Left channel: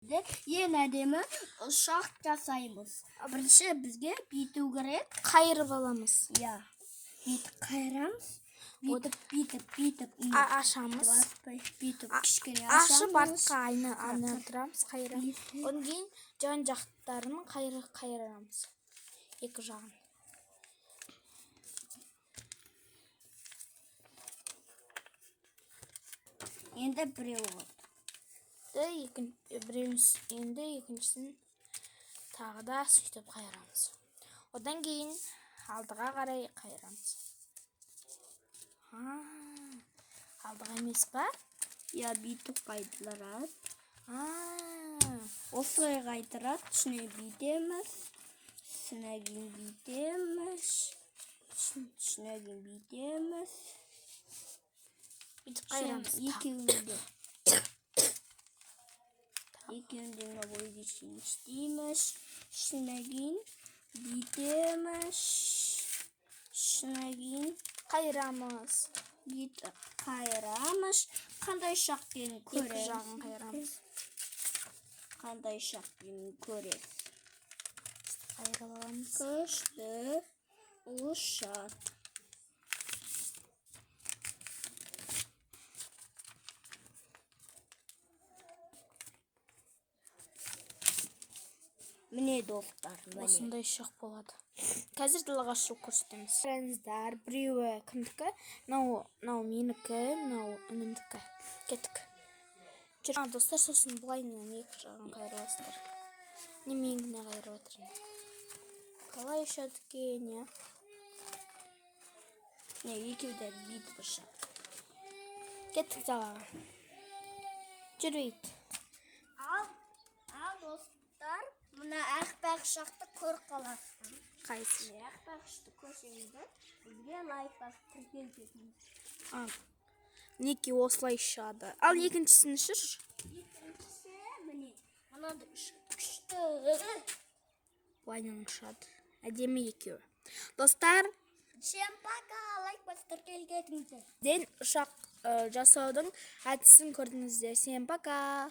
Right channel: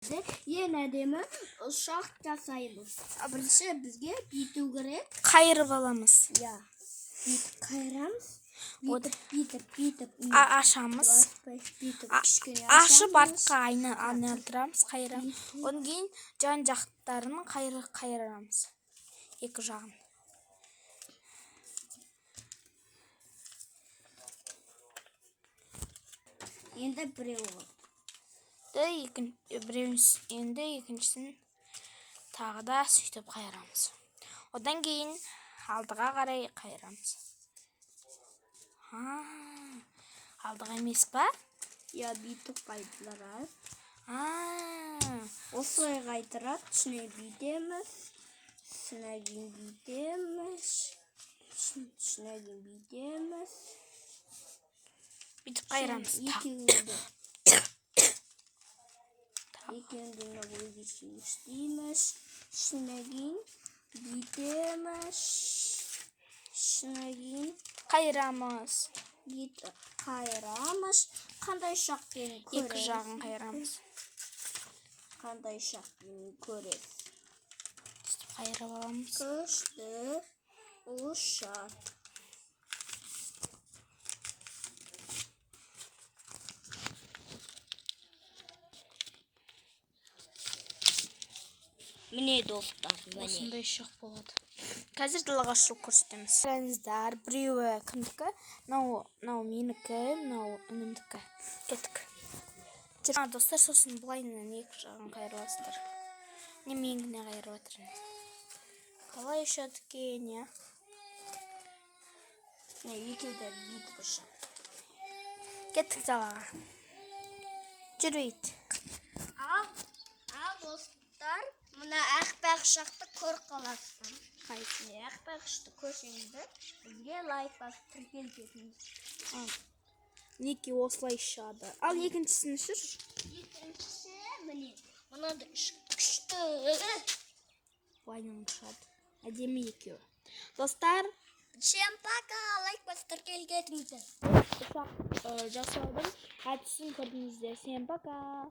Ең әдемі ұшақ жасаймыз. Бірінші бізге бүйту керек. Қайырып аламыз. Иә. Қайырамыз. Бүйтіп. Ашамыз. Бүйтіп кішкене ашып артқа айналдырамыз, қайырамыз. Одан кейін жан жақтарын қайырамыз. Екі жағын. Енді біреу болды. Енді екіншісін тағы да сөйтіп қайырамыз. Одан кейін алдыға қарай қайырамыз. Алдыға емес па? Иә, бүйтіп қайдырады. Осылай қайдырады, ішіне бүйтеміз. Ішіне бүйтеміз. Бүйтіп қайырамыз. Екеуінде бойы істейміз. Ішіне бүйтеміз. Ішіне қайырамыз. Қандай шақпен көресіз? Екі жағын қайырамыз. Қандай шақпен көресіз? Қайырып аламыз. Күшті ұшақ. Міне достар, осындай ұшақ болады. Қазір далаға шығып көрсетеміз. Қараңыздар, біреуі кімдікі? Мынау менікі, мынау інімдікі. Кеттік. Достар, сосын бұлайынан екі жағын қайырасыздар. Меңгіне қайырып отырмын. Қалай ұшады екен, я? Екеуді бүйтіп ұшады. Кеттік далаға. Жүрейді. Ал достар, мына ақбақ ұшақты көріп қаласың. Қайсы? Ақбақ ұшақты көрсеңіздер, бізге лайк басып тіркелтетіңіз. Неке осылай ұшады. Ал екіншісін ұшыр. Екіншісі, міне, мынады күшті. Бұлайынан ұшады. Әдемі екеуі. Достар, Всем пока, лайк басып тіркелтетіңіздер. ұшақ жасаудың әдісін көрдіңіздер. Всем пока.